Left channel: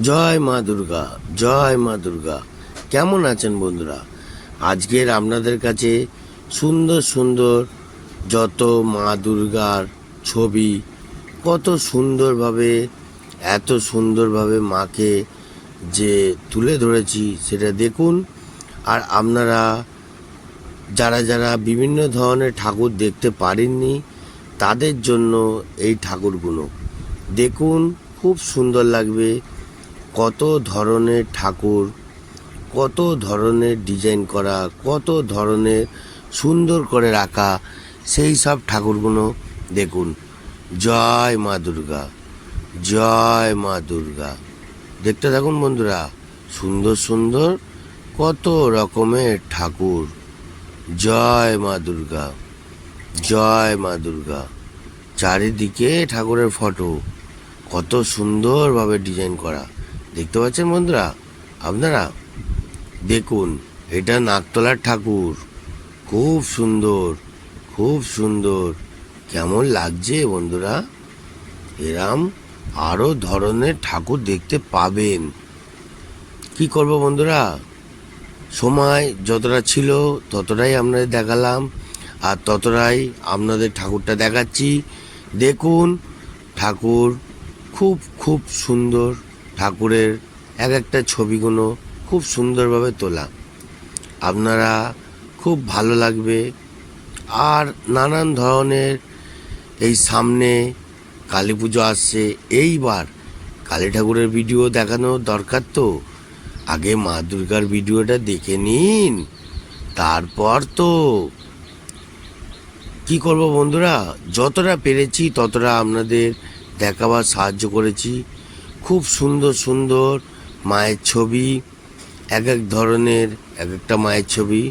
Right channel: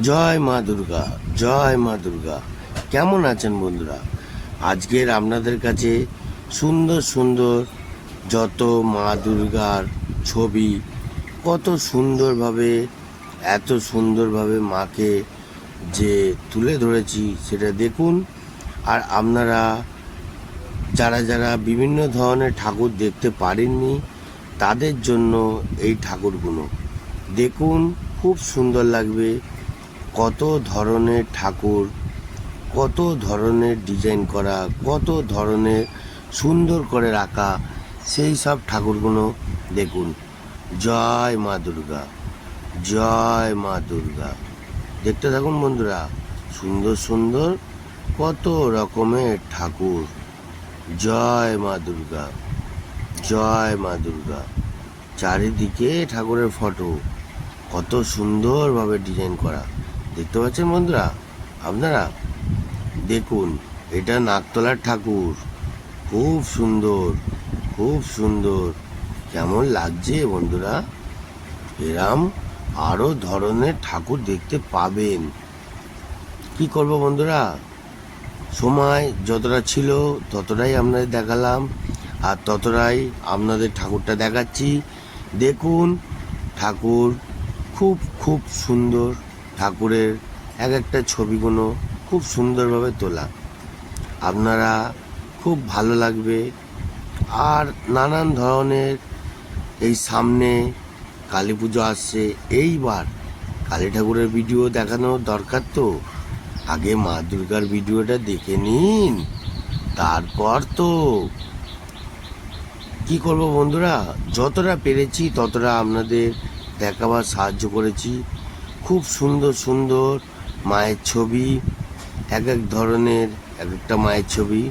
জয় মা দুর্গা, জয় মা দুর্গা। কেমন আছেন বন্ধুরা? আজকের আপনাদের কাছে সুন্দর সুন্দর যত মা দুর্গার ছবি, কত সুন্দরভাবে, এত সুন্দরভাবে মাকে যে তুলে ধরেছি সেটা দেখুন। আর আপনারা যারা যারা বিভিন্ন ধরনের ঠাকুর দেখতে পারেননি তাদের জন্য এই ঠাকুরগুলো দেখুন, খুব সুন্দর লাগবে। কত ধরনের ঠাকুর, কত ধরনের ডিজাইন করা, কত ধরনের সুন্দর করে রাখা, সেই সব ঠাকুরগুলো দেখুন। জয় মা দুর্গা, জয় মা দুর্গা। দেখতে থাকুন বন্ধুরা, সুন্দর সুন্দর কত রকমের ঠাকুর। জয় মা দুর্গা, জয় মা দুর্গা। চারিদিকে ঠাকুরের ফটো, কত সুন্দরভাবে ডিজাইন করা। দেখতে পাচ্ছেন বন্ধুরা আপনারা? দেখুন, এটা নাকতলার ঠাকুর, খুব সুন্দর, খুব সুন্দর। কেমন লাগছে বন্ধুরা? এরম আরো ধরনের ঠাকুর দেখতে পাবেন। কি করব বন্ধুরা, সময় যতটা ছিল ততটাই আপনাদের দেখালাম, আর ততটাই আপনাদের ঠাকুরটা দেখাচ্ছি। দেখুন, ঠাকুর খুব খুব সুন্দর। ঠাকুরের এক একটা ছবিগুলো খুব সুন্দরভাবে তোলা, আপনারা খুব ভালো লাগবে। আর নানান ধরনের, এই সামনে কালী পুজো আসছে, এইবার কালী ঠাকুরের ভিডিও দেখানো দরকার। তো আগে মা দুর্গার ভিডিওটা দেখে নিন, তারপর তো কি করব বন্ধুরা, যতটা পেরেছি ততটা আপনাদের দেখাবার সাহায্য করেছি। খুব সুন্দর সুন্দর মায়ের ছবি, এক এক ধরনের এক একটা মায়ের ছবি।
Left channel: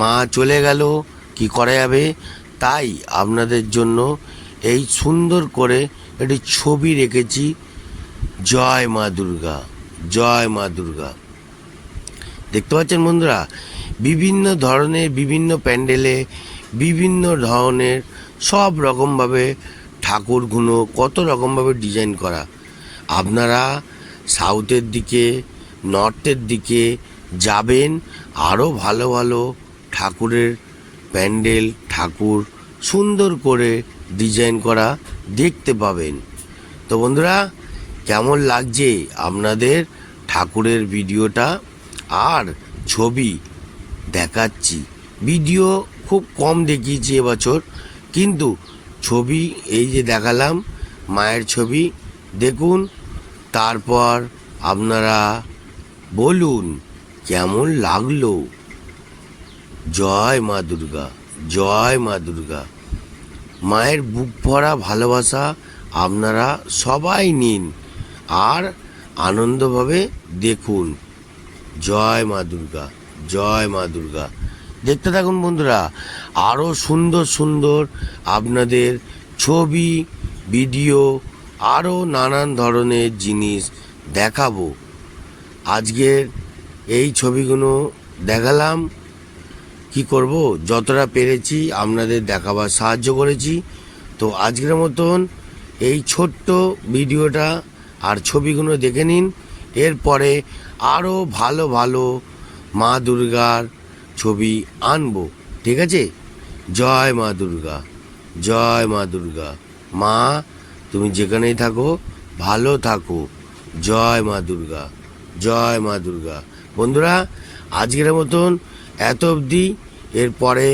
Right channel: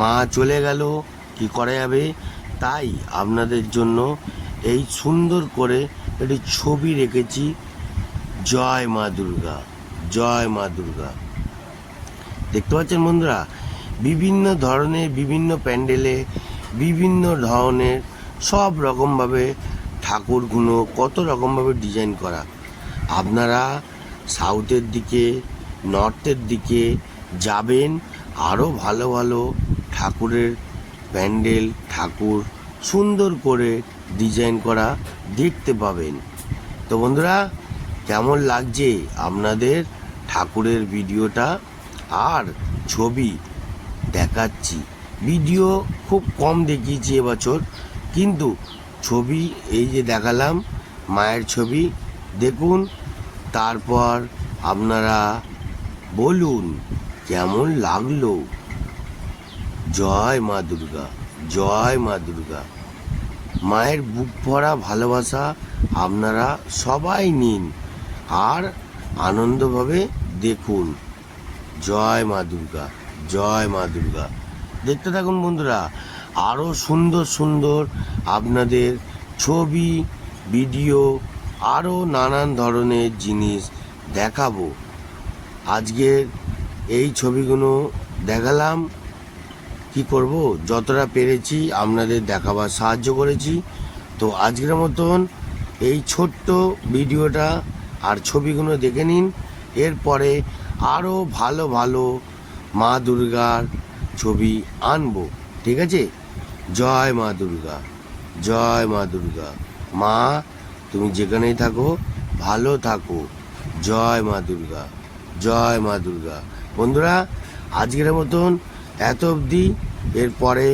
মা চলে গেল, কি করা যাবে, তাই আপনাদের জন্য এই সুন্দর করে একটি ছবি রেখেছি। জয় মা দুর্গা, জয় মা দুর্গা। দেখতে পাচ্ছেন বন্ধুরা, বিভিন্ন ধরনের, বিভিন্ন প্যান্ডেলে বিভিন্ন ধরনের সব রকমভাবে ঠাকুরগুলো কত রকমভাবে ডিজাইন করা। আপনারা সাউথের দিকে, নর্থের দিকে যাবেন, আরও ভালো ভালো ঠাকুরের প্যান্ডেল, ঠাকুর সুন্দর করে ডিজাইন করা দেখতে পাবেন। তো বন্ধুরা, কেমন লাগছে আপনাদের ঠাকুরের ভিডিওটা আর ছবি দেখাচ্ছি? ভিডিও খুব কম দেখিয়েছি এবছর, কিন্তু ছবি এই যে দেখালাম, মায়ের ছবি দেখুন। তারপর আপনারা বলুন কেমন লাগলো। জয় মা দুর্গা, জয় মা দুর্গা। মায়ের বুক ভরা ভালোবাসা আপনারা সবাই নিন আর আনন্দভাবে দেখুন। জয় মা দুর্গা, জয় মা দুর্গা। দেখতে থাকুন বন্ধুরা, আরও সুন্দর সুন্দর আপনাদের ছবি, ভিডিও, আরও নানান ধরনের জিনিস দেখাবো। আজকের এই ছবিগুলো দেখালাম, কি করব, যতটা পেরেছি আপনাদের দেখাবার সাহায্য করেছি। তো আজকের মতন এই ছোট্ট ভিডিওটা আর ছবিগুলো দেখে নিন। এরপরে আরও ভালো ভালো মা দুর্গার ছবি আনবো, ঠিক আছে? জয় মা দুর্গা, জয় মা দুর্গা। মা তুমি যেখানেই থাকো ভালো থাকো। জয় মা দুর্গা, জয় মা দুর্গা। বন্ধুরা, আজকের মতন এত অবধি। এরপরে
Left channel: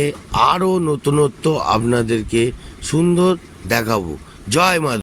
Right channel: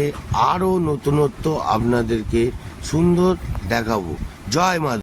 আরও নতুনত্ব আপনাদেরকে সুন্দর দেখাবো। জয় মা।